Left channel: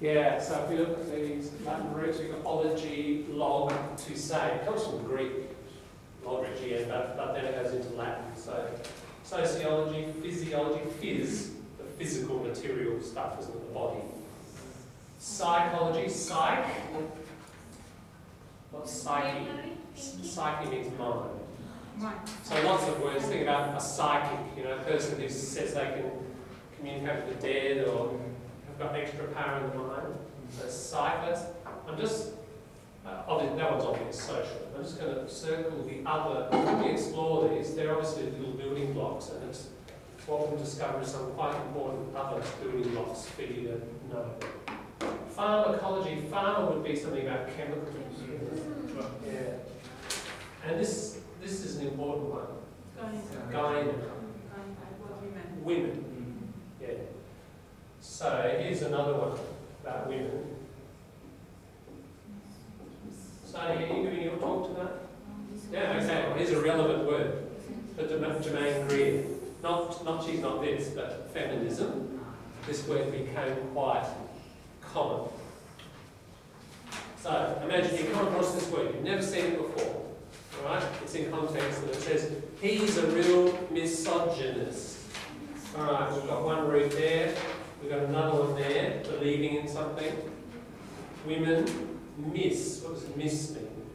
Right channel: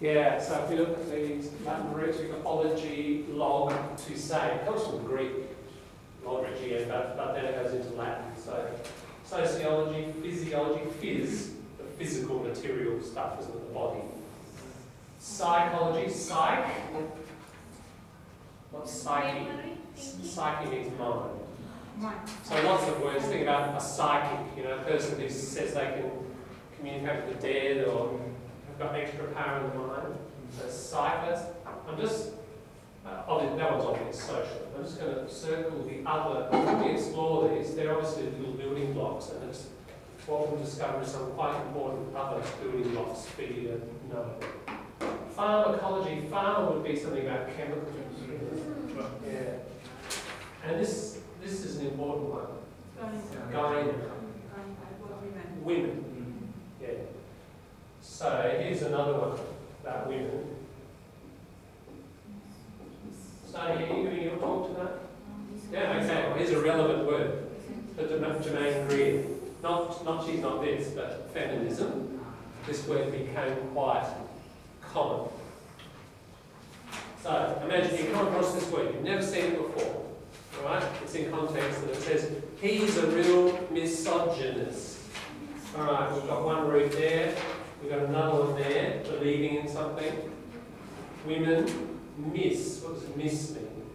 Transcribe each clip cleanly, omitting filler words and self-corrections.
Yeah, so if we look at these Latin roots, we've got ology, log, to say. It comes from Greek, logogy, but then it goes into Latin. So sociology, physiology, phys, the physical material stuff, isn't it, the body. Psychology, psych. What's psyche? Psyche means mind. So lots of words. Think about a psychic, a person who says they can communicate with the dead or have got extra power in the mind. So psychos. I'm just, obviously, that one's obvious, social. I'm just going to circle the other. When we explore these, they're obviously little building blocks, and it's what we'll discover is some quite important other building blocks for you to know. Pharmacology. Pharma would be something about chemicals. Yeah. And this is an important one. Gyne. Women. Yeah. So here's another one about women. So are you giving your talk to that? Yeah, okay. Well, here's a relevant word for Germaine Greer. Not she's not this, but feminism. This word became quite common. So imagine you come across this word, you've never seen it before. Alright? It's in context and it says, he's a real misogynist. Alright, we've got one root there, we've got another one there, believing in something. Women, miss. What does miss mean?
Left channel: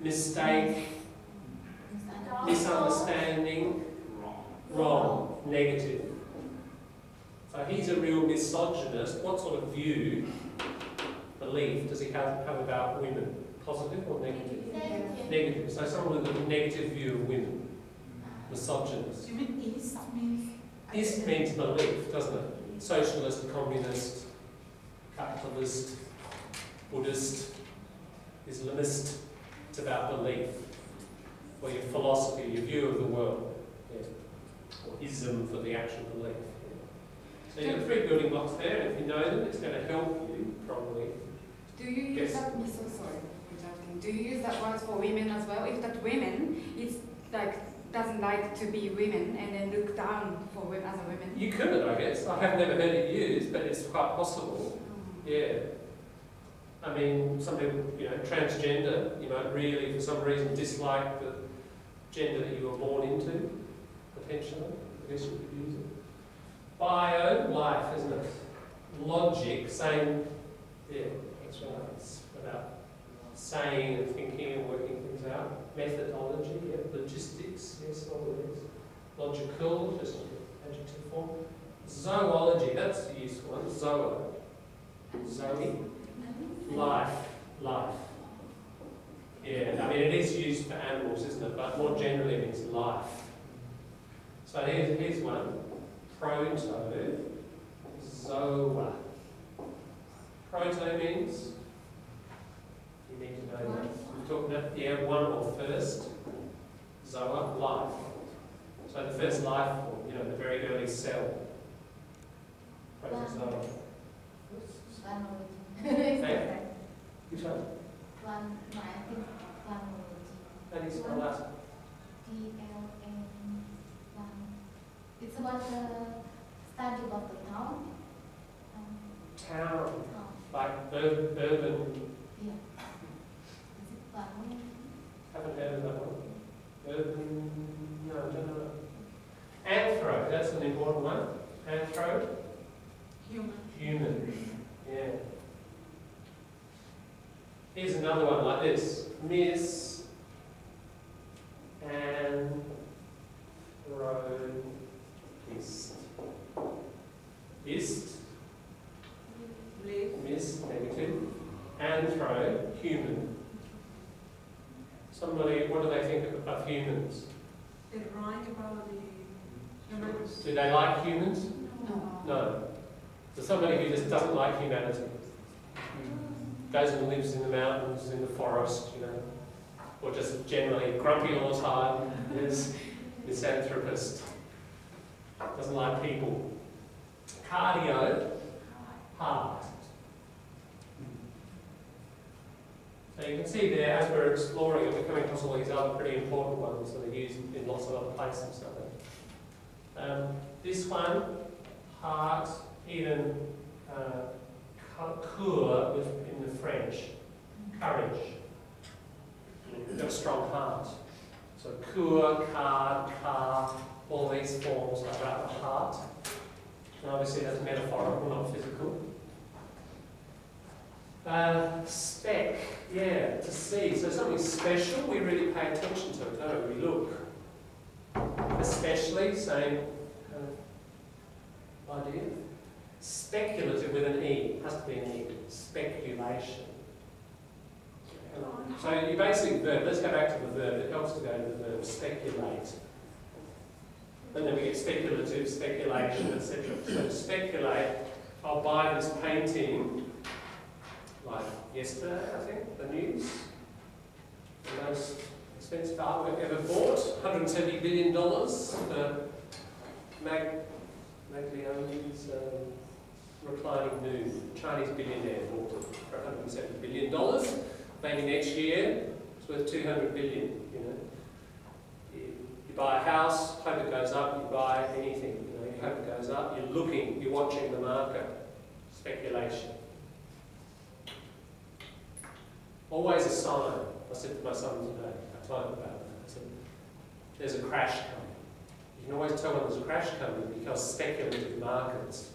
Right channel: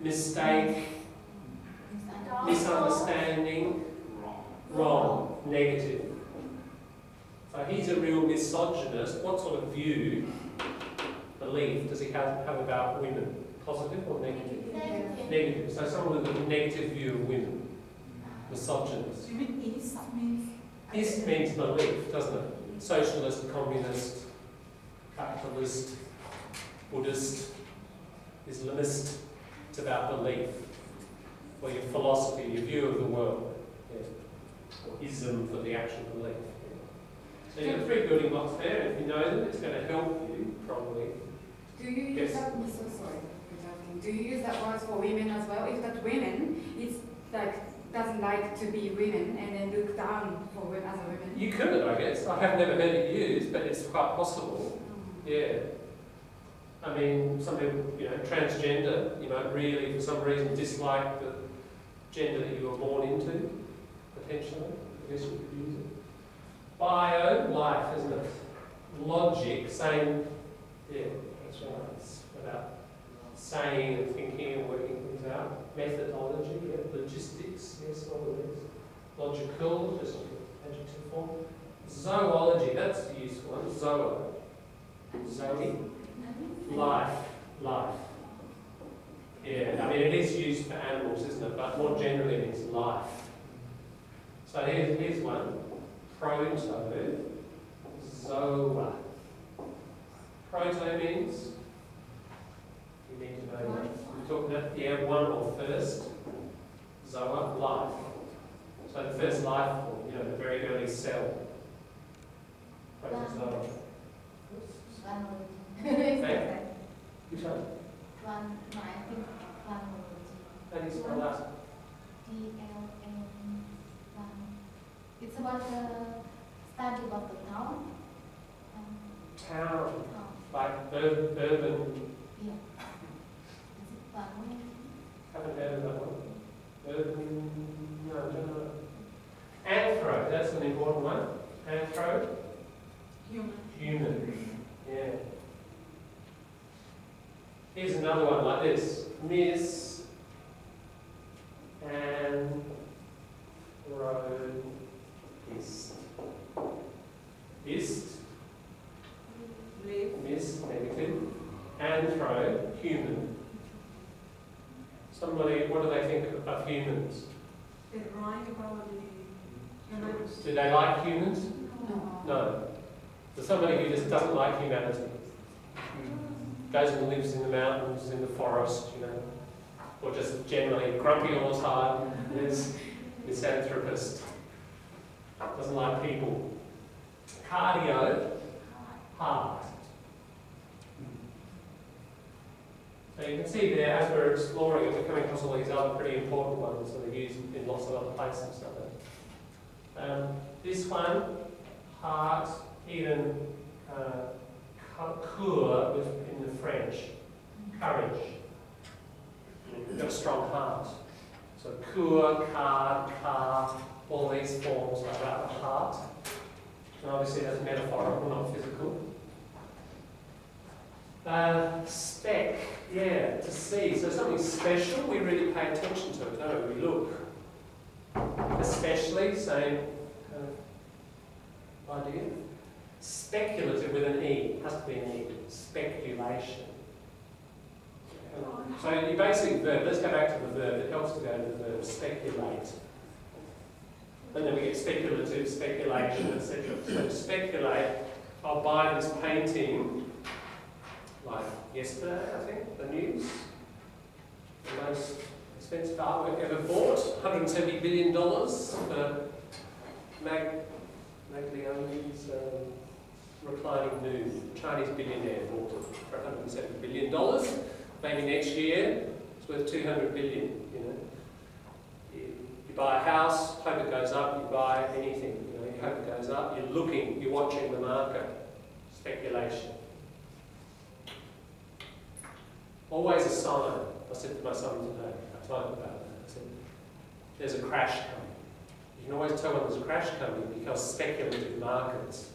Mistake, misunderstanding, wrong, negative. So he's a real misogynist. What sort of view, belief, does he have about women? Positive or negative? Negative. So someone with a negative view of women. Misogynist. You mean East means? East means belief, doesn't it? Socialist, communist, capitalist, Buddhist, Islamist. It's about belief. Or your philosophy, your view of the world. Yeah. Or ism for the actual belief. So you've got three building blocks there, and if you know them, it's going to help you, probably. Do you use that? I'm so sorry. Do you use that word for women as well? If that women, it's like doesn't like to be women and then look down for women as a women. You could, I guess. I have never heard it used, but it's quite possible. Yeah. I mean, some people, transgender, you might really, for some reason, dislike the gender that you were born into, potentially. I guess you could use it. Bio, life, isn't it? Logic, saying, yeah, that's right. It's about saying and thinking and working things out. Methodology, yeah. Logistics, yes, all of these. Logical, just adjective form. Zoology, that's the useful one. Zoe. Life. Yeah, I mean it is used for animals, isn't it? But more generally it means life. So here's one. Proto-zoa. Proto means, you need to know that. We're talking about, one or first. Zoa, life. So the first life form, the very early cell. Protozoa. Okay. Which one? I think How do you spell that? DLN. It's about the study of the town. Town. Like urban. Yeah. Is it Plan? Haven't heard of that one. Urban. No, I don't know. Anthro. That's an important one. Anthro. Human. Yeah. Here's another one like this. Miss and road ist. Ist. Miss, negative. Anthro, human. Somebody, what do they think of humans? They write about the humans. Do they like humans? No. No. So somebody who just doesn't like humanity. Goes and lives in the mountains, in the forest, or just generally grumpy all the time, is misanthropist. Doesn't like people. Cardio, heart. So you can see there, as we're exploring it, we're coming across all these other pretty important ones that are used in lots of other places. This one, heart, even Coeur was in the French, courage. You've got a strong heart. So coeur, card, car, all these forms are about the heart. And obviously that's metaphorical, not physical. Spec, yeah, to see. So something special, we really pay attention to it, don't we? We look. Especially, same kind of idea. Speculative with an E, has to be an E. Speculation. So your basic verb, let's go back to the verb, it helps to go to the verb, speculate. And then we get speculative, speculation, etc. So speculate, I'll buy this painting, like yesterday, I think, the news. The most expensive artwork ever bought, $170 billion for Maglioni's reclining nude. Chinese billionaire bought it for $170 billion. Maybe next year it's worth $200 billion. You know, you buy a house, hope it goes up. You buy anything, you know, you hope it goes up. You're looking, you're watching the market. Speculation. Always a sign. I said to my son today, I told him about that. I said, there's a crash coming. You can always tell when there's a crash coming because speculative markets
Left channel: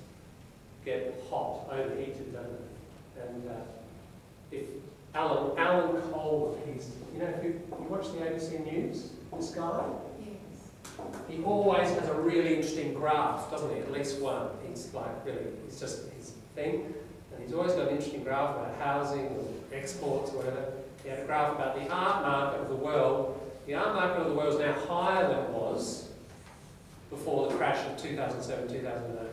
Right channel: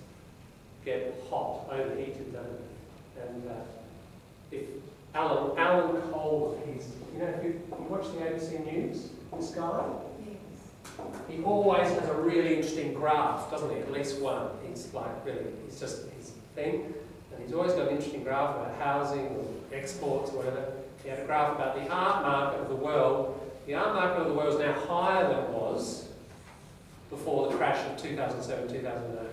get hot, overheated, don't they? And if Alan Cole, if you watch the ABC News, this guy? Yes. He always has a really interesting graph, doesn't he? At least one. He's like really, it's just his thing. And he's always got an interesting graph about housing or exports or whatever. He had a graph about the art market of the world. The art market of the world is now higher than it was before the crash of 2007, 2008.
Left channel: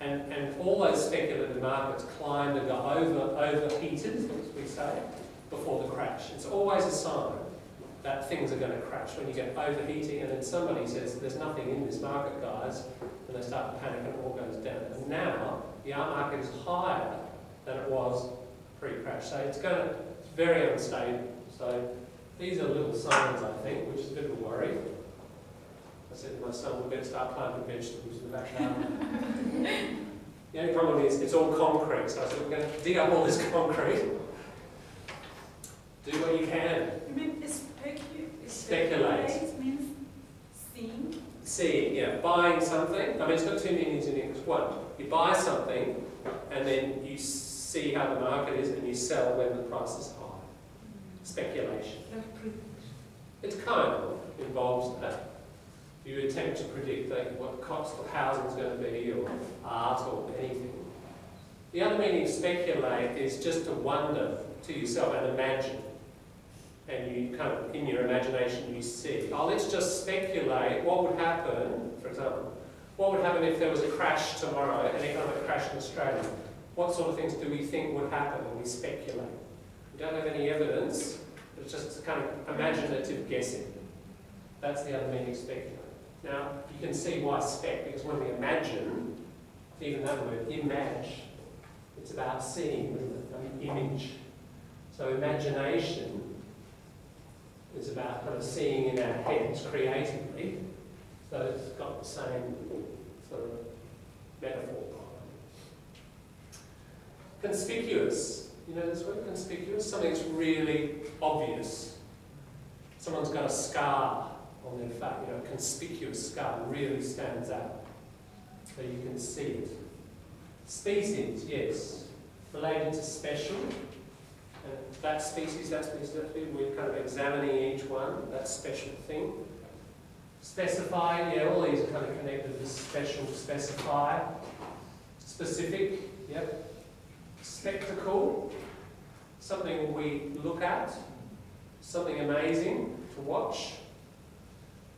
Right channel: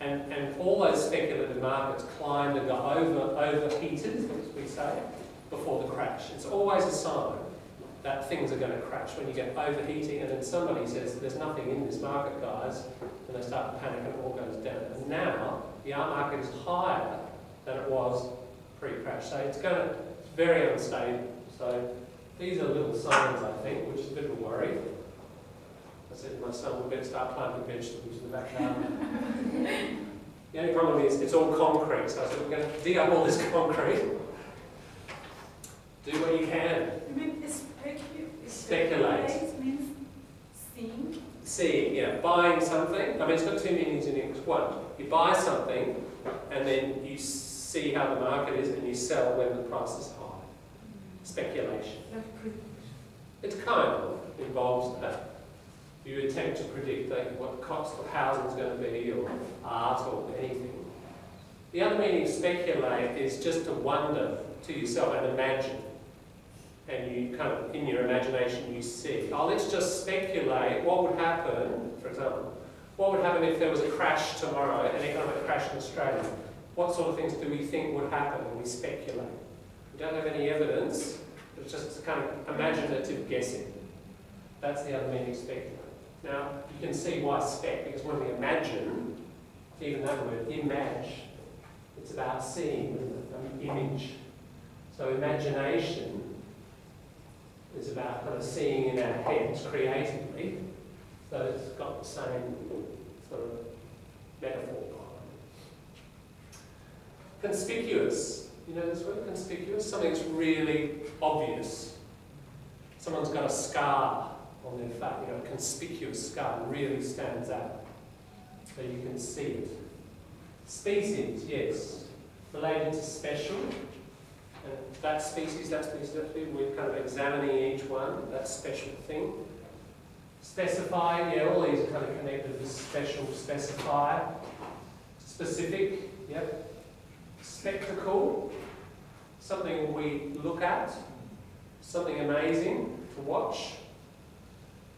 And all those speculative markets climbed and got overheated, as we say, before the crash. It's always a sign that things are going to crash when you get overheating and then somebody says, there's nothing in this market, guys, and they start to panic and it all goes down. And now, the art market is higher than it was pre-crash. So it's very unstable. So these are little signs, I think, which is a bit of a worry. I said to my son, we better start planting vegetables in the back garden. The only problem is it's all concrete, so I said we're going to dig up all this concrete. Do what you can. You mean Speculate means seeing? Seeing, yeah. Buying something. I mean, it's got two meanings in English. One, you buy something and then you see how the market is and you sell when the price is high. Speculation. It's kind of involves that. You attempt to predict what the cost of housing is going to be, or art, or anything. The other meaning of speculate is just to wonder to yourself and imagine. And you kind of, in your imagination, you see, oh, let's just speculate what would happen, for example, what would happen if there was a crash tomorrow, an economic crash in Australia? What sort of things do we think would happen when we speculate? We don't have any evidence, but it's just kind of imaginative guessing. That's the other meaning of speculate. Now, you can see why spec, because when we imagine, even that word, image, it's about seeing, isn't it? I mean, image. So imagination is about kind of seeing in our heads creatively. So it's got the same sort of metaphor behind it. Conspicuous. You know this word, conspicuous? Something's really obvious. Someone's got a scar on their face, you know, a conspicuous scar really stands out. So you can see it. Species, yes. Related to special. And that species, we're kind of examining each one, that special thing. Specify, yeah, all these are kind of connected to special, specify. Specific, yep. Spectacle, something we look at, something amazing to watch.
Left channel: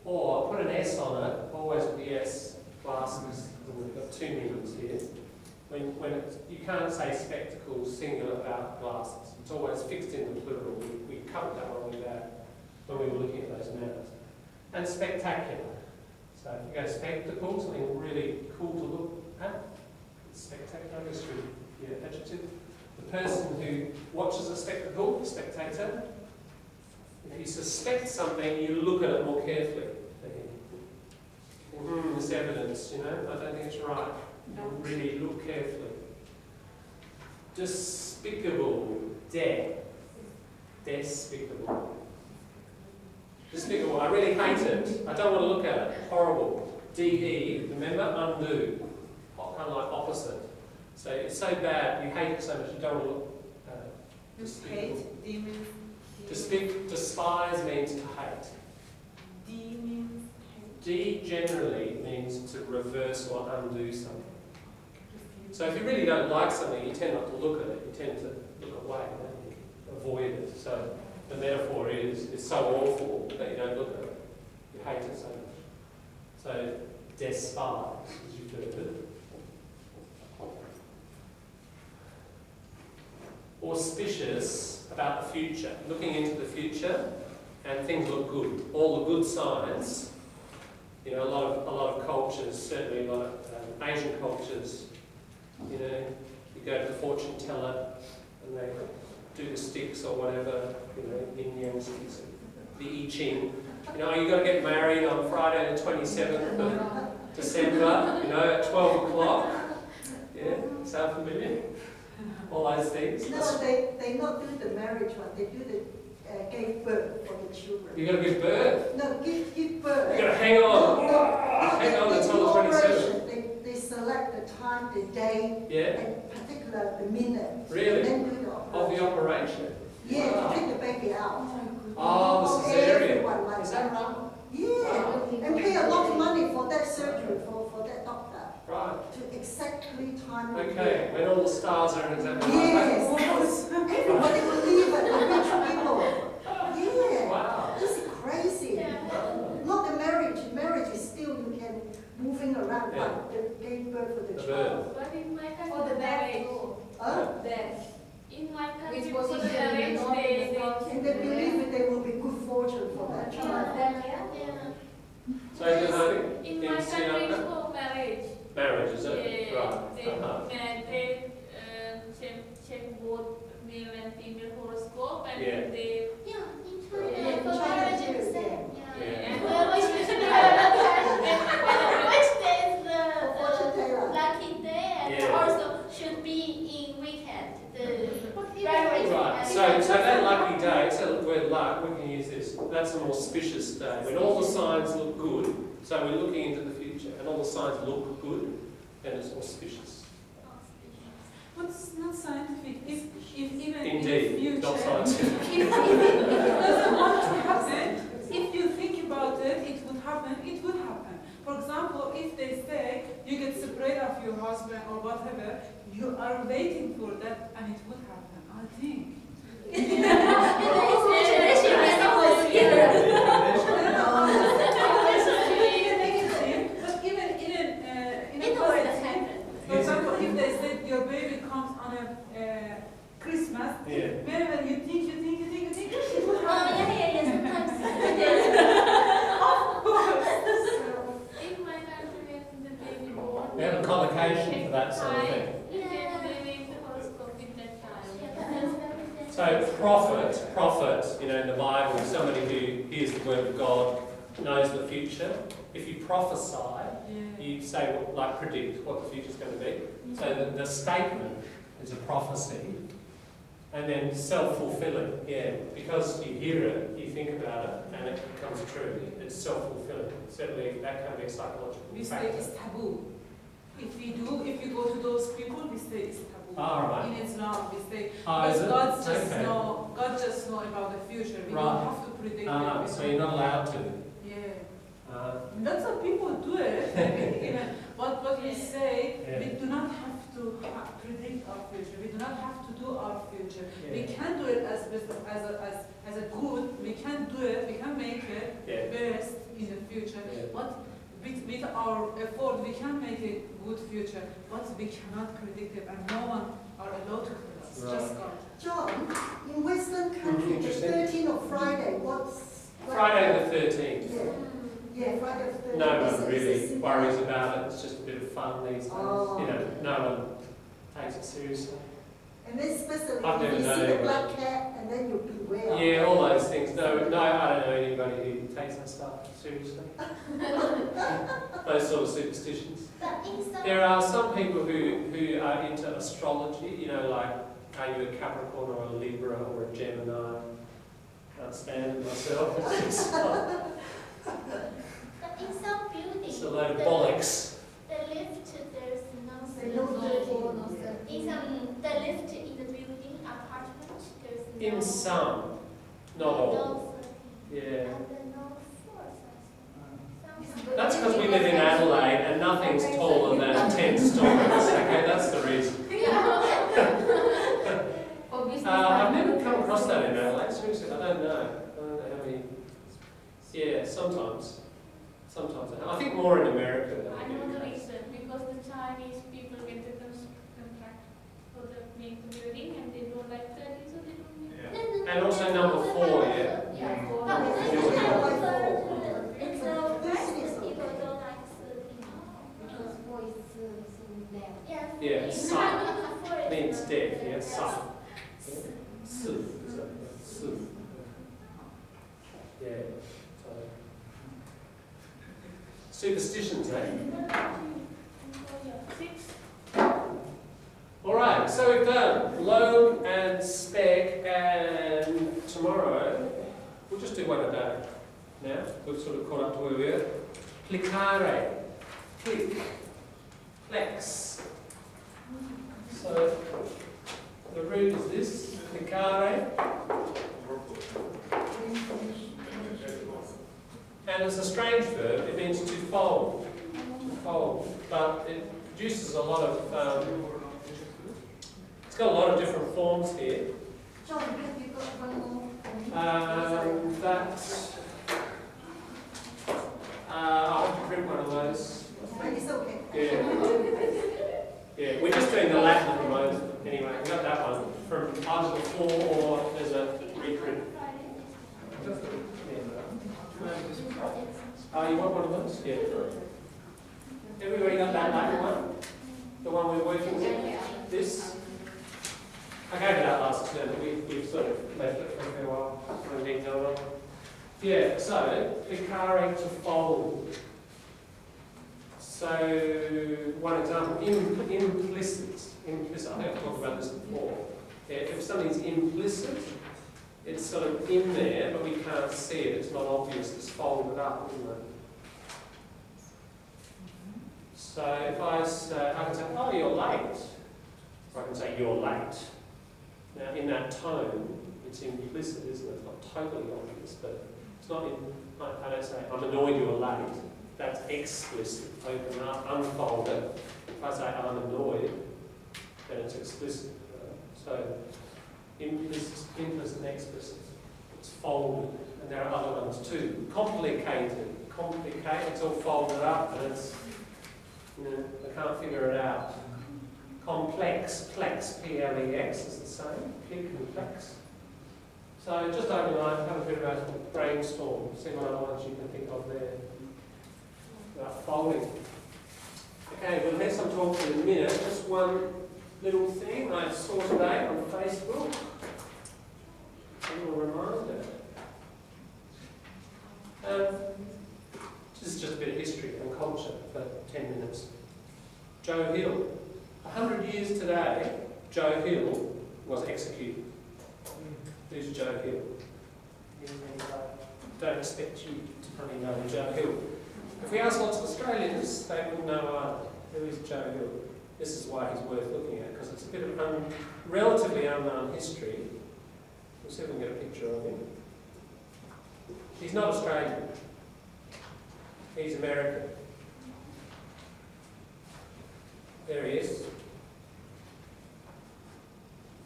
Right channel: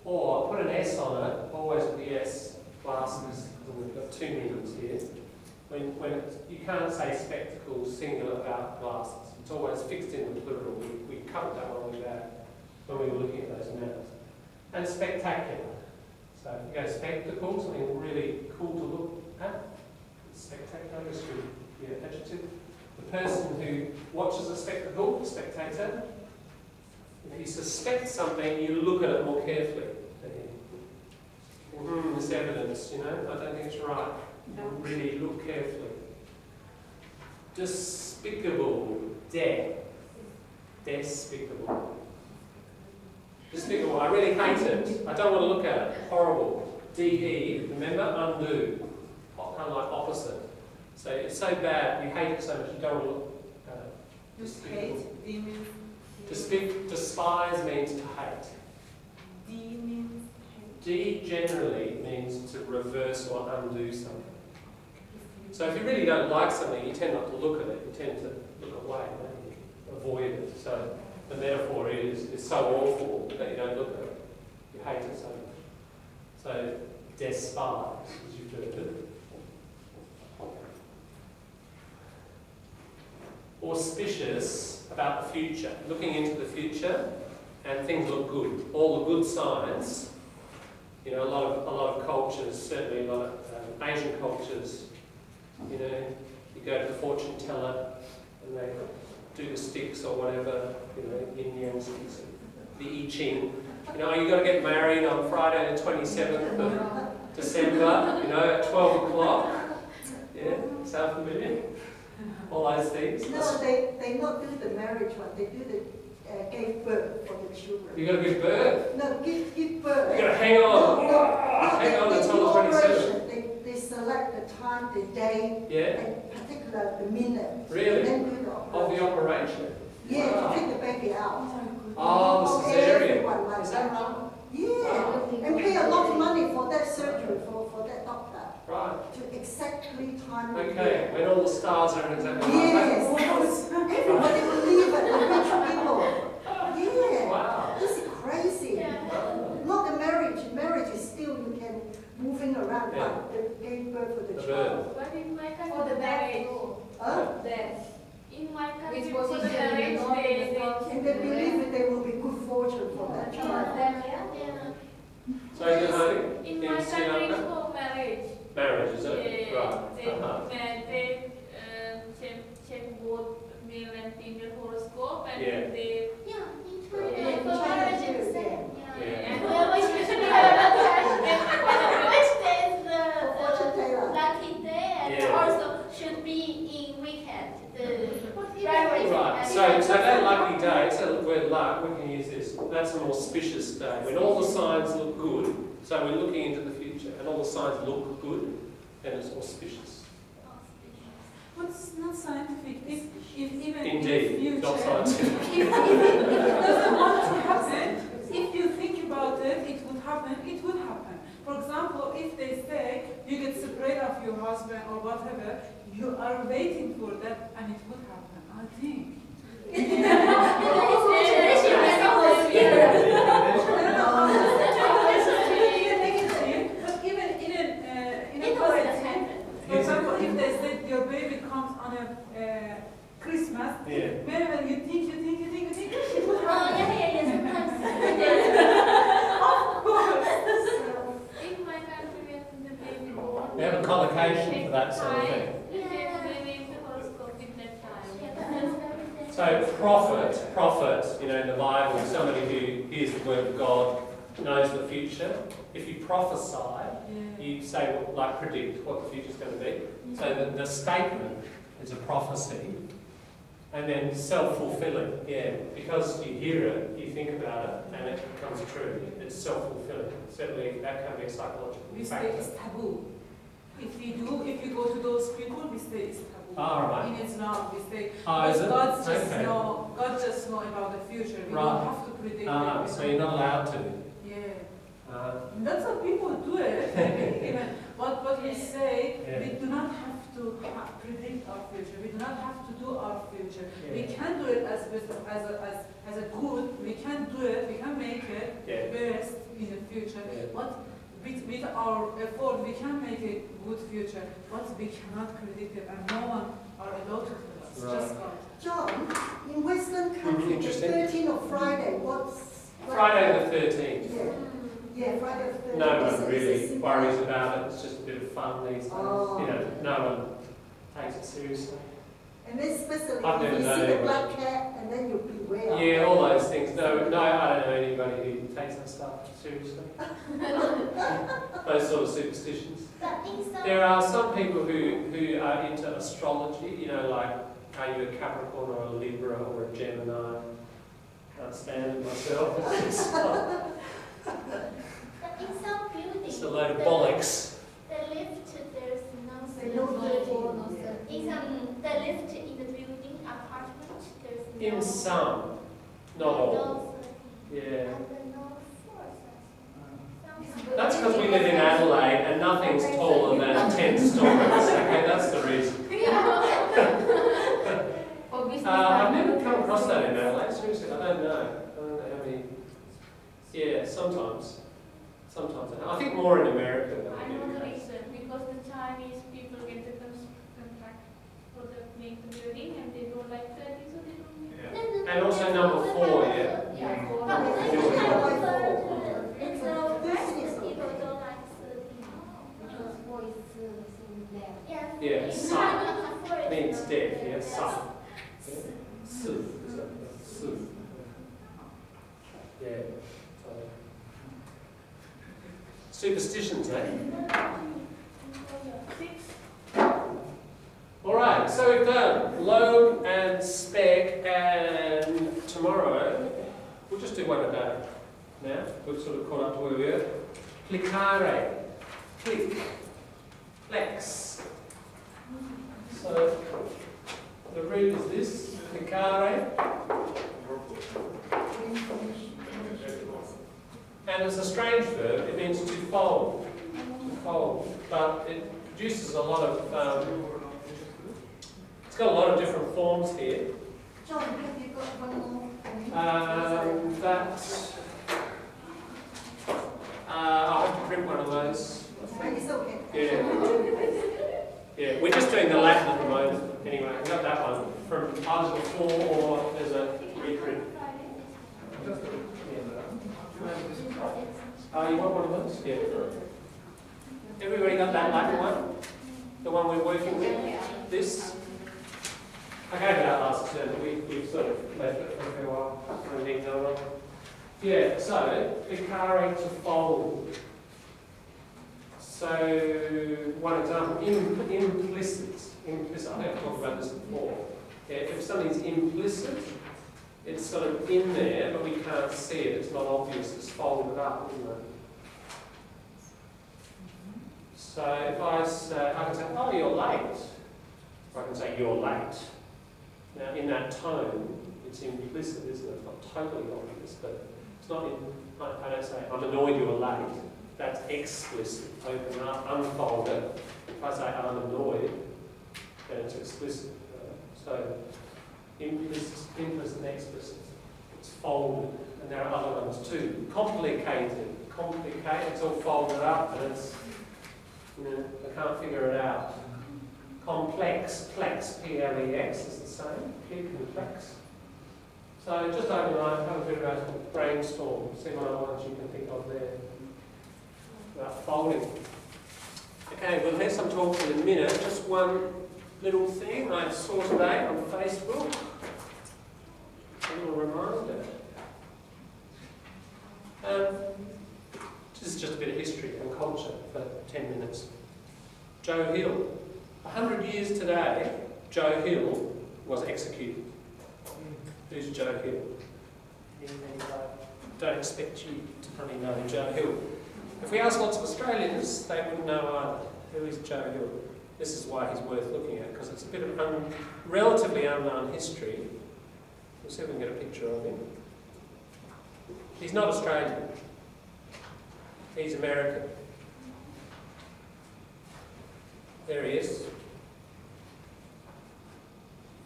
Or put an S on it, always with the S, glasses, we've got two meanings here. When you can't say spectacle singular without glasses. It's always fixed in the plural. We covered that one with that when we were looking at those nouns. And spectacular. So if you go spectacle, something really cool to look at. Spectacular is your adjective. The person who watches a spectacle, spectator. If you suspect something, you look at it more carefully. There's evidence, you know, I don't think it's right. You really look carefully. Despicable. Despicable. Despicable. I really hate it. I don't want to look at it. Horrible. D-E, remember? Undo. Kind of like opposite. So it's so bad, you hate it so much, you don't want to look at it. Just hate, D means... Despise means to hate. D means hate. D generally means to reverse or undo something. So if you really don't like something, you tend not to look at it, you tend to look away, avoid it. So the metaphor is it's so awful that you don't look at it. You hate it so much. So despise, as you've heard it. Auspicious about the future, looking into the future, and things look good. All the good signs. You know, a lot of cultures, certainly a lot of Asian cultures. You know, you go to the fortune teller, and they do the sticks or whatever. You know, yin yang sticks, the I Ching. You know, you've got to get married on Friday the 27th of December. You know, at 12 o'clock. Yeah, sound familiar? All those things. No, they not do the marriage one. They do the give birth for the children. You got to give birth. No, give birth. You got to hang on. Hang on until the 27th. They select the time, the day, Yeah. and particular the minute. Really? And then do the operation. Of the operation. Yeah, Wow. to take the baby out. Oh, the cesarean. Everyone like Is that right? Yeah, Wow. and pay a lot of money for that surgery for that doctor Right. to exactly time the Okay. When all the stars are exactly Yes, right. everybody believe it, the rich people. Yeah, Wow. this is crazy. Not the marriage. Marriage is still you can moving around, Yeah. but the gave birth for the The child. But in my country, For the marriage, Death. in my country, Which for the position in marriage, the north, in the south? And they believe that there will be good fortune for that child. So you know, In my in country, Sri Lanka, for marriage. marriage is it? Right. They check both male and female horoscope, and Yeah. they Yeah, in China too, yeah. Yeah. which day is the Fortune teller. lucky day, and Yeah. also should be in weekend. Right. So that lucky day. So the word luck, we can use this. That's an auspicious day when all the signs look good. So we're looking into the future, and all the signs look good, then it's auspicious. But it's not scientific. If even Indeed, in the not future, scientific. if it doesn't want to happen, if you think about it, it would happen, it would happen. For example, if they say you get separated of your husband or whatever, you are waiting for that and it would happen, I think. But even in a positive, for example, if they said your baby comes on a Christmas, Yeah. whenever you think, it would happen. Of course. In my country, when the baby born, We have a collocation for that sort of thing. they make the horoscope with that child. So prophet, you know, in the Bible, somebody who hears the word of God, knows the future. If you prophesy, you say, like, predict what the future's going to be. So the statement is a prophecy, and then self-fulfilling, yeah, because you hear it, you think about it, and it becomes true. It's self-fulfilling. Certainly, that can be a psychological We say factor. it's taboo. If you go to those people, we say it's taboo. Ah, right. In Islam, we say, Oh, is it? God just Okay. God just know about the future. We Right. don't have to predict it. So you're not allowed to. Yeah. Uh, Lots of people do it. Even what we say, Yeah. we do not have to predict our future. We do not have to do our future. Yeah. We can do it as a good. We can do it. We can make it Yeah. best in the future. Yeah. But with our effort, we can make a good future. But we cannot predict it, and no one are allowed to do it. It's Right. just God. John, in Western country, the Interesting. 13th of Friday, what's... Friday the 13th. Yeah, Friday the 13th. No Is one it- really is it worries about it. It's just a bit of fun these days. Oh. You know, no one takes it seriously. And then especially I've if never you known see the anyone. black cat and then you'll beware. Yeah, all those things. No, I don't know anybody who takes that stuff seriously. Those sort of superstitions. There are some people who are into astrology, you know, like, are you a Capricorn or a Libra or a Gemini? Can't stand it myself. It's a load of bollocks. The lift, there's no the lift in the building, apartment, there's no. In some, not all. Yeah. That's because we live in Adelaide and nothing's taller than 10 stories. Okay, that's the reason. I've never come across that in Adelaide. Seriously, I don't know. I don't know how many. Yeah, sometimes. Sometimes. I think more in America than I in know the the UK. reason, because the Chinese people get the contract for the make the building and they don't like that, so they don't make And also number 4, yeah. It's a business people don't like Yeah, sun means death, yeah, sun. Su. Su. Yeah. So. Superstitions, eh? Alright, so we've done log and spec, and tomorrow we'll just do one a day. Now, we've sort of caught up to where we were. Plicare. Click. Flex. So the root is this, plicare. And it's a strange verb, it means to fold. To fold. But it produces a lot of, it's got a lot of different forms here. John, have you got one more? I'll have to print one of those. It's okay. Yeah. Yeah, we're just doing the Latin at the moment. Anyway, we got that one from Article 4, or there's a reprint. You want one of those? Yeah. Everybody got that Latin one? The one we're working with? This? I gave it out last term, but we've sort of left it for a fair while. Yeah, so, plicare, to fold. So, one example, implicit. Implicit, I think I've talked about this before. Yeah, if something's implicit, it's sort of in there, but we can't see it, it's not obvious, it's folded up, isn't it? So if I say, I can say, oh, you're late. Or I can say, you're late. Now, in that tone, it's implicit, isn't it? It's not totally obvious, but it's not in, I don't say, I'm annoyed you're late. That's explicit. Open up, unfold it. If I say, I'm annoyed, then it's explicit. So, implicit and explicit. It's folded. And there are other ones too. Complicated. Complicate, it's all folded up, and it's, you know, I can't figure it out. Complex, plex, P-L-E-X is the same. Click and plex. So just overnight, have a bit of a brainstorm, see what other ones you can think of there. About folding. Okay, we'll have some talks in a minute. Just one little thing I saw today on Facebook. A little reminder. This is just a bit of history and culture for 10 minutes. Jo0e Hill. 100 years today, Jo0e Hill was executed. Who's Jo0e Hill? Don't expect you to probably know Jo0e Hill. If we ask lots of Australians, they wouldn't know either. Who is Jo0e Hill? This is why he's worth looking at, because it's a bit of relatively unknown history. We'll see if we can get a picture of him. He's not Australian. He's American. There he is.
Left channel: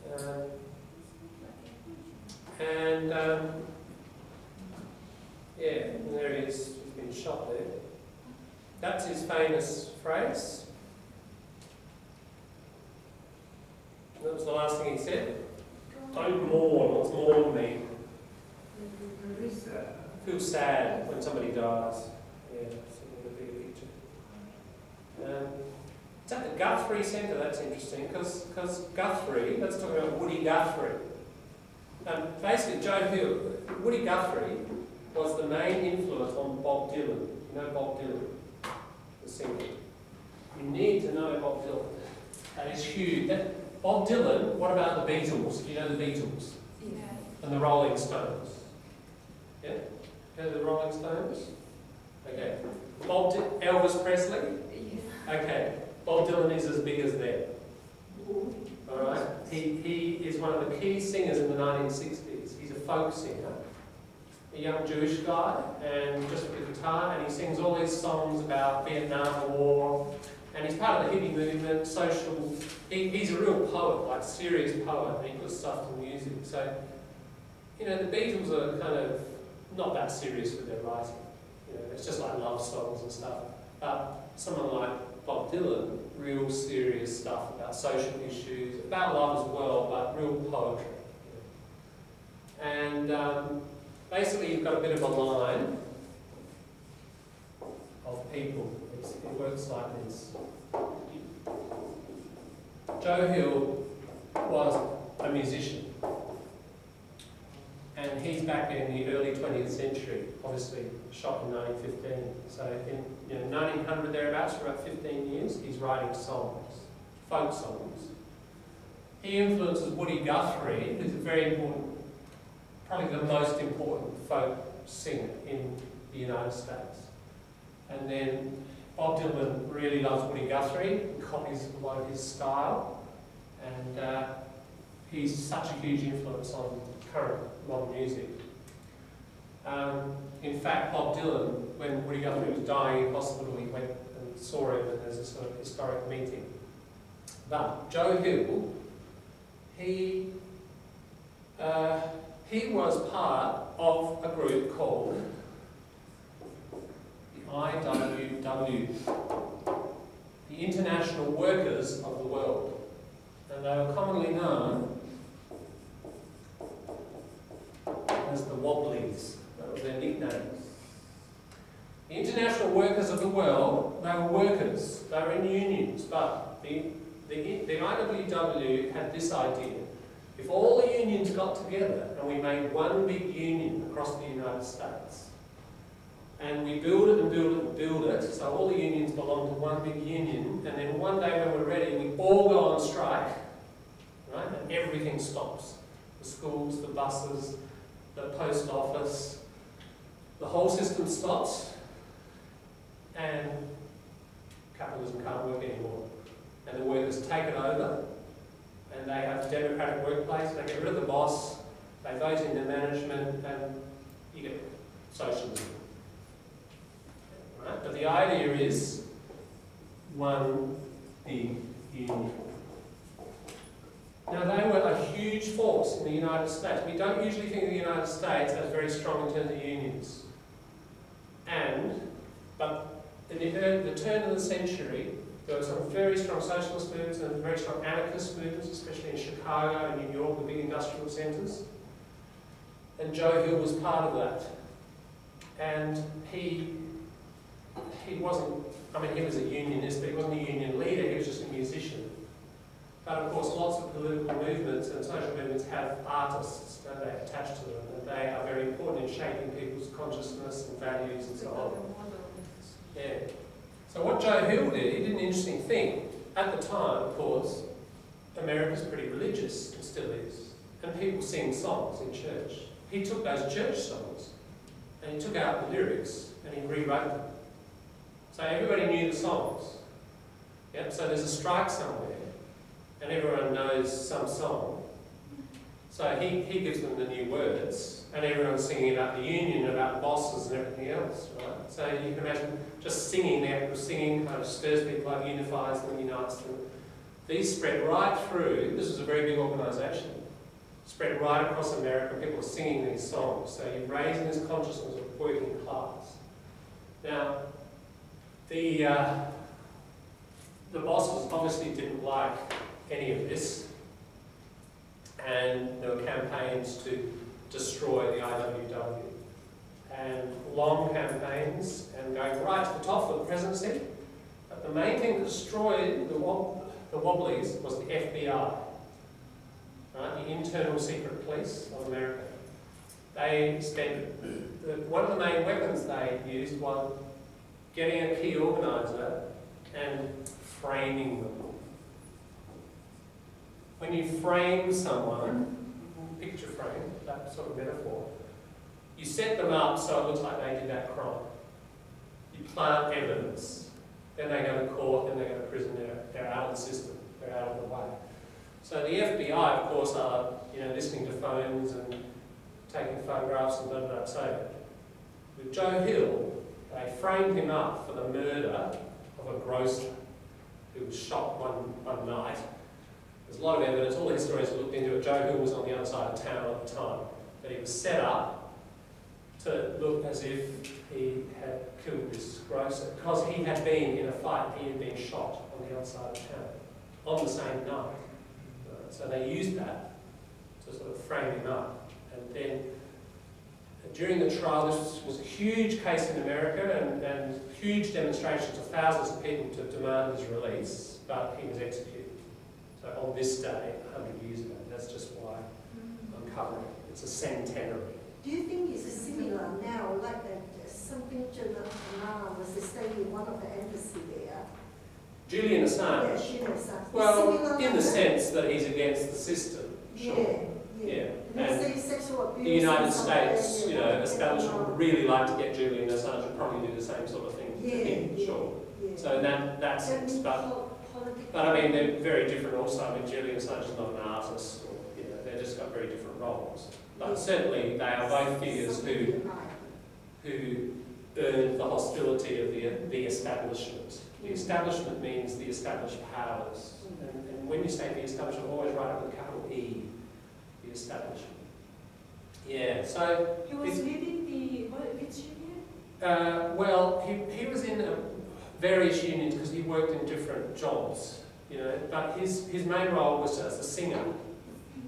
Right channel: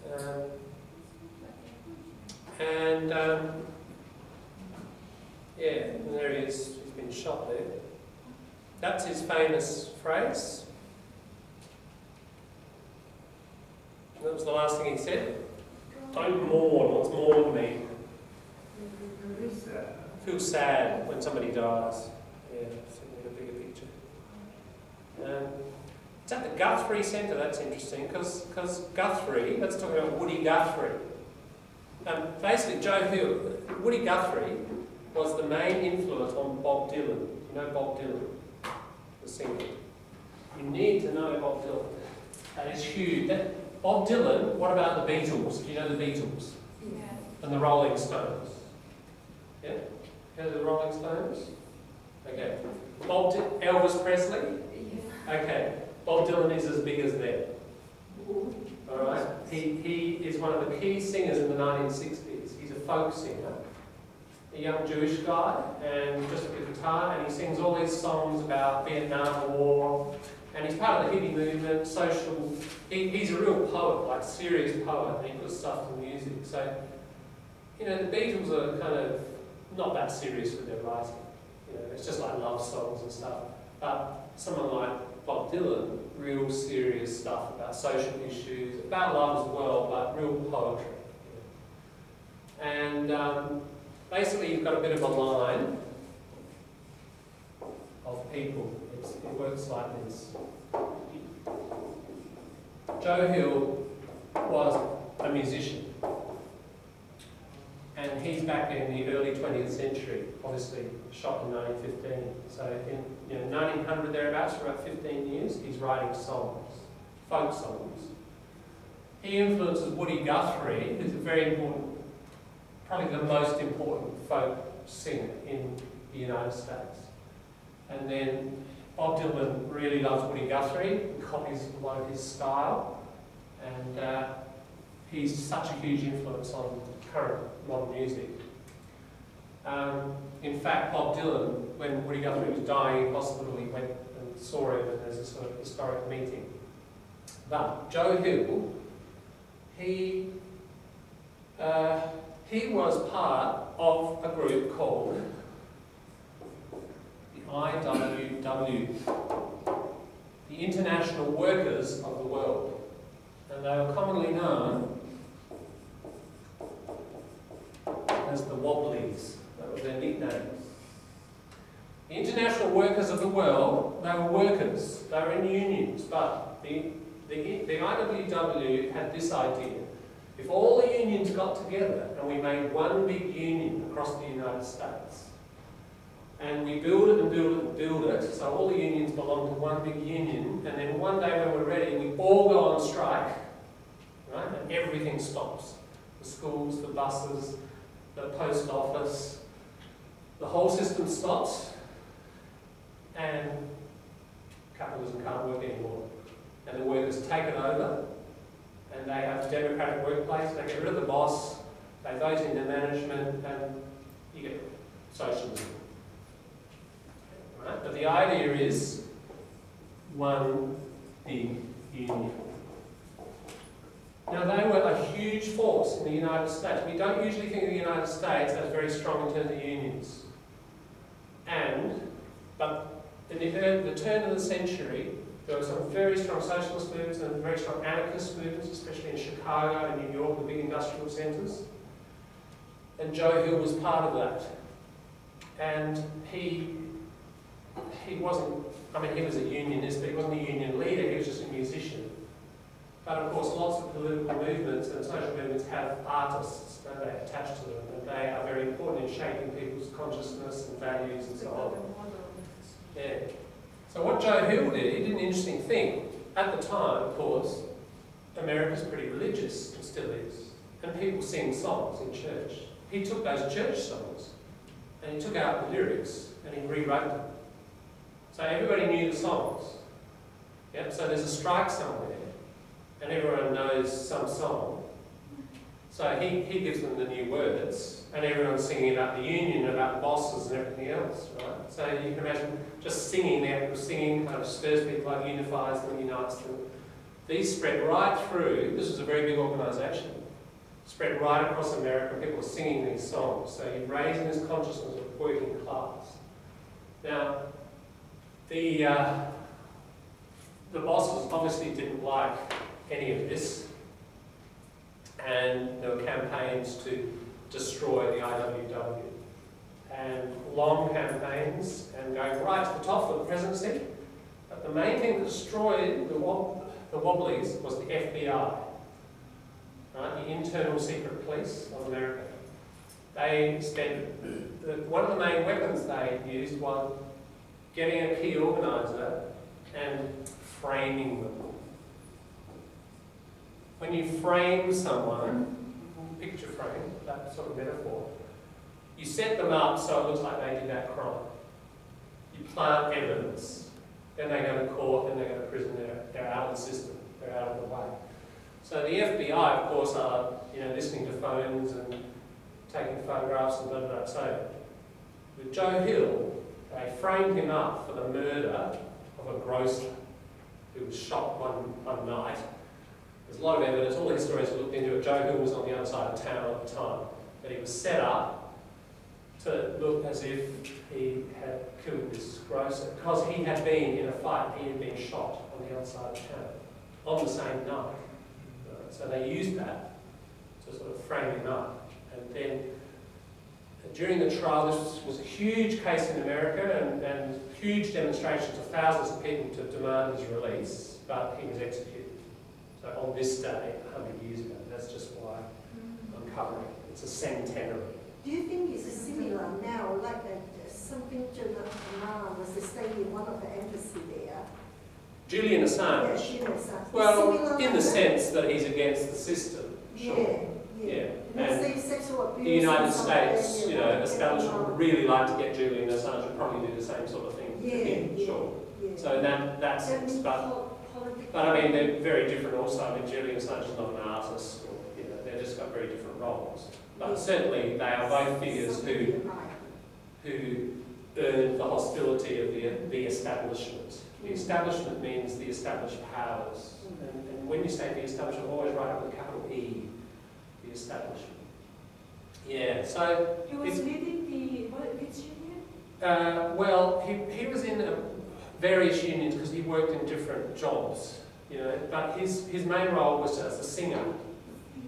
Yeah, and there he is. He's been shot there. That's his famous phrase. That was the last thing he said. Don't mourn. What's mourn mean? Feel sad when somebody dies. Yeah, so in a bigger picture. It's at the Guthrie Centre, that's interesting, because Guthrie, let's talk about Woody Guthrie. Basically, Jo0e Hill, Woody Guthrie was the main influence on Bob Dylan. You know Bob Dylan, the singer. You need to know Bob Dylan. That is huge. Bob Dylan, what about the Beatles? You know the Beatles? Yeah. And the Rolling Stones? Yeah? You know the Rolling Stones? Okay. Elvis Presley? Yeah. Okay. Bob Dylan is as big as them. Alright? He is one of the key singers in the 1960s. He's a folk singer, a young Jewish guy, and just with a guitar, and he sings all these songs about Vietnam War, and he's part of the hippie movement, social. He's a real poet, like serious poet, and he puts stuff to music. So, you know, the Beatles are kind of not that serious with their writing. You know, it's just like love songs and stuff. But someone like Bob Dylan, real serious stuff about social issues, about love as well, but real poetry. You know. And basically, you've got a bit of a line of people. It works like this. Jo0e Hill was a musician, and he's back in the early 20th century, obviously shot in 1915. So in 1900 thereabouts, for about 15 years, he's writing songs, folk songs. He influences Woody Guthrie, who's a very important, probably the most important folk singer in the United States. And then Bob Dylan really loves Woody Guthrie and copies a lot of his style, and he's such a huge influence on current modern music. In fact, Bob Dylan, when Woody Guthrie was dying in hospital, he went and saw him, and there's a sort of historic meeting. But Jo0e Hill, he was part of a group called the IWW, the International Workers of the World, and they were commonly known as the Wobblies. That was their nickname. The International Workers of the World, they were workers, they were in unions, but the IWW had this idea: if all the unions got together and we made one big union across the United States, and we build it and build it and build it, so all the unions belong to one big union, and then one day when we're ready, we all go on strike, right? And everything stops. The schools, the buses, the post office, the whole system stops, and capitalism can't work anymore. And the workers take it over, and they have a democratic workplace, they get rid of the boss, they vote in the management, and you get socialism. Right? But the idea is one big union. Now, they were a huge force in the United States. We don't usually think of the United States as very strong in terms of unions. But in the turn of the century, there were some very strong socialist movements and very strong anarchist movements, especially in Chicago and New York, the big industrial centres. And Jo0e Hill was part of that. And he wasn't, I mean, he was a unionist, but he wasn't a union leader, he was just a musician. But of course, lots of political movements and social movements have artists, don't they, attached to them, and they are very important in shaping people's consciousness and values and so on. Yeah. So what Jo0e Hill did, he did an interesting thing. At the time, of course, America's pretty religious, and still is, and people sing songs in church. He took those church songs, and he took out the lyrics, and he rewrote them. So everybody knew the songs. Yep. So there's a strike somewhere, and everyone knows some song. So he gives them the new words, and everyone's singing about the union, about the bosses and everything else, right? So you can imagine just singing, the act of singing kind of stirs people up, unifies them, unites them. These spread right through, this was a very big organisation, spread right across America, people were singing these songs. So you're raising this consciousness of working class. Now, the bosses obviously didn't like any of this, and there were campaigns to destroy the IWW, and long campaigns, and going right to the top of the presidency. But the main thing that destroyed the Wobblies was the FBI, right? The Internal Secret Police of America. They spent, one of the main weapons they used was getting a key organiser and framing them. When you frame someone, picture frame, that sort of metaphor, you set them up so it looks like they did that crime. You plant evidence. Then they go to court, then they go to prison, they're out of the system, they're out of the way. So the FBI, of course, are listening to phones and taking photographs and blah, blah, blah. So with Jo0e Hill, they framed him up for the murder of a grocer who was shot one night. There's a lot of evidence, all the historians have looked into it. Jo0e Hill was on the other side of town at the time. But he was set up to look as if he had killed this grocer, because he had been in a fight, he had been shot on the other side of town on the same night. So they used that to sort of frame him up. And then during the trial, this was a huge case in America and huge demonstrations of thousands of people to demand his release, but he was executed. So on this day, 100 years ago, that's just why I'm covering it. It's a centenary. Do you think it's similar now, like something Jo0e was staying in one of the embassy there? Julian Assange? Yeah, Julian Assange. Well, in the sense that he's against the system, sure. Yeah. And sexual abuse, the United States, establishment would really like to get Julian Assange and probably do the same sort of thing to him, sure. Yeah. So in that sense, but I mean, they're very different also. I mean, Julian Assange is not an artist, or, they've just got very different roles. But certainly they are both figures who earned the hostility of the establishment. The establishment means the established powers. And when you say the establishment, always write it with a capital E, the establishment. Yeah, so... He was leading which union? Well, he was in various unions because he worked in different jobs, but his main role was as a singer.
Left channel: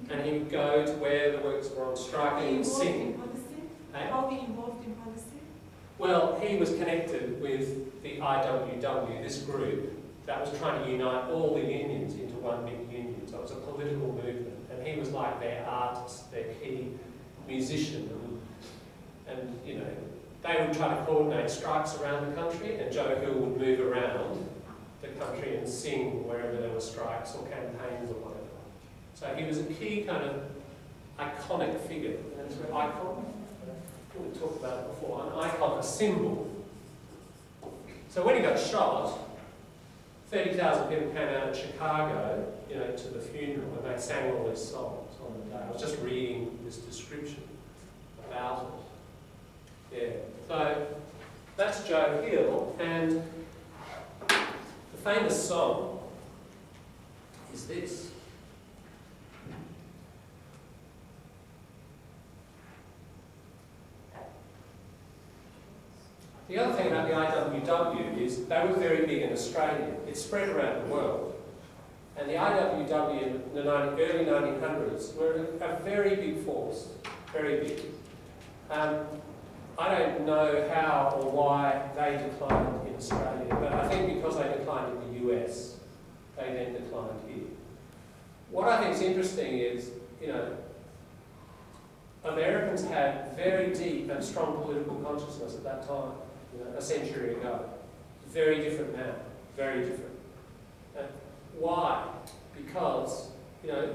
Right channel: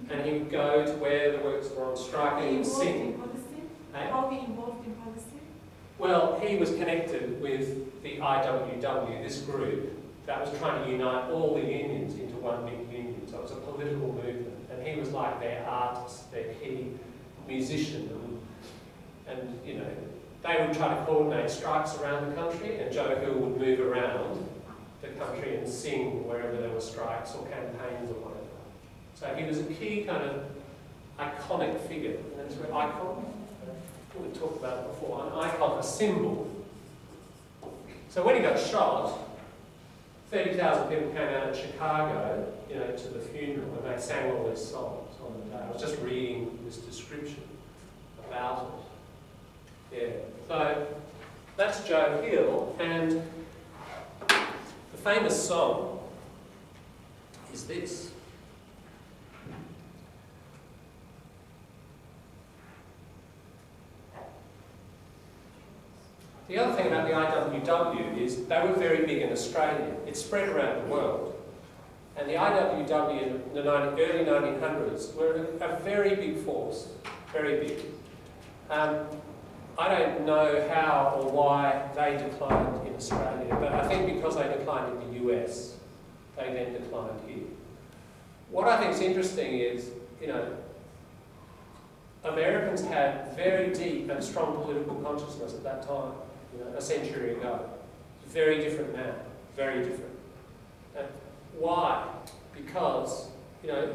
And he would go to where the workers were on strike and he would sing. How he involved in policy? Well, he was connected with the IWW, this group that was trying to unite all the unions into one big union. So it was a political movement. And he was like their artist, their key musician. And they would try to coordinate strikes around the country, and Jo0e Hill would move around the country and sing wherever there were strikes or campaigns or whatever. So he was a key kind of iconic figure. And that's where icon, we talked about it before, an icon, a symbol. So when he got shot, 30,000 people came out in Chicago, to the funeral, and they sang all these songs on the day. I was just reading this description about it. Yeah. So that's Jo0e Hill, and the famous song is this. The other thing about the IWW is they were very big in Australia. It spread around the world. And the IWW in the early 1900s were a very big force, very big. I don't know how or why they declined in Australia, but I think because they declined in the US, they then declined here. What I think is interesting is, Americans had very deep and strong political consciousness at that time. A century ago. Very different now, very different. And why? Because, the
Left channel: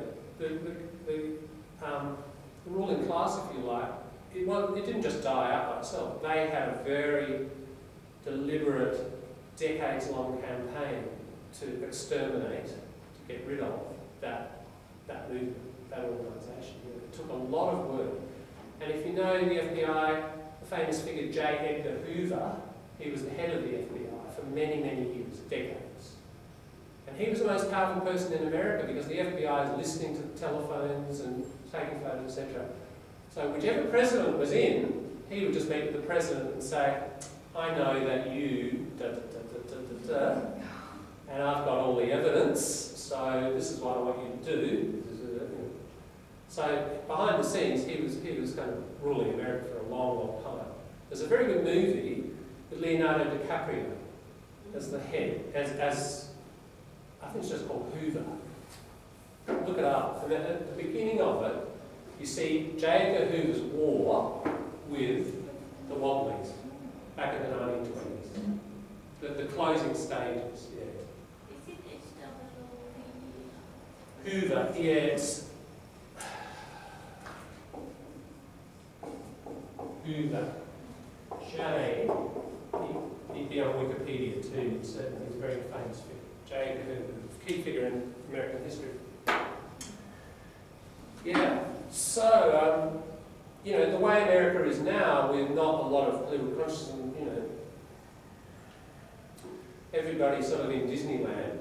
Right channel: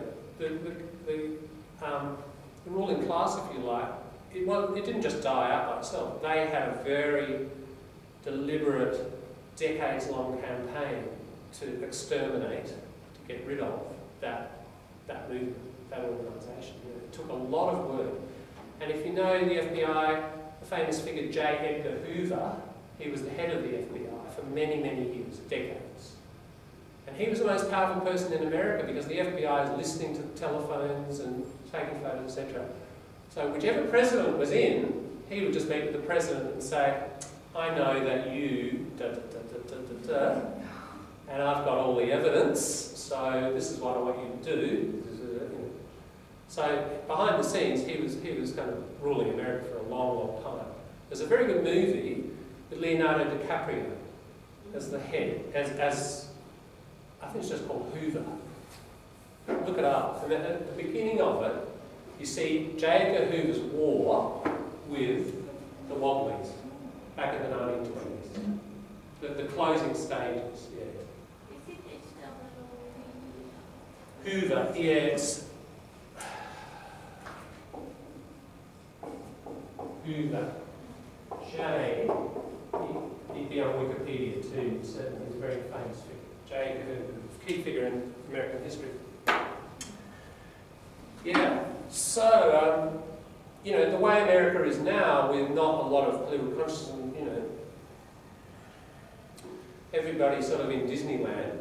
ruling class, if you like, it didn't just die out by itself. They had a very deliberate, decades-long campaign to exterminate, to get rid of that movement, that organisation. It took a lot of work. And if you know the FBI, the famous figure J. Edgar Hoover, he was the head of the FBI for many, many years, decades. And he was the most powerful person in America because the FBI is listening to telephones and taking photos, etc. So whichever president was in, he would just meet with the president and say, I know that you, and I've got all the evidence, so this is what I want you to do. So behind the scenes, he was kind of ruling America for a long, long time. There's a very good movie with Leonardo DiCaprio as the head, as I think it's just called Hoover. Look it up. And at the beginning of it, you see J. Edgar Hoover's war with the Wobblies back in the 1920s. The closing stages, yeah. Is it Hoover, yeah, it's Hoover. J, he'd be on Wikipedia too, certainly. He's a very famous figure. J, a key figure in American history. Yeah, so, you know, the way America is now, with not a lot of political consciousness, and, you know, everybody sort of in Disneyland,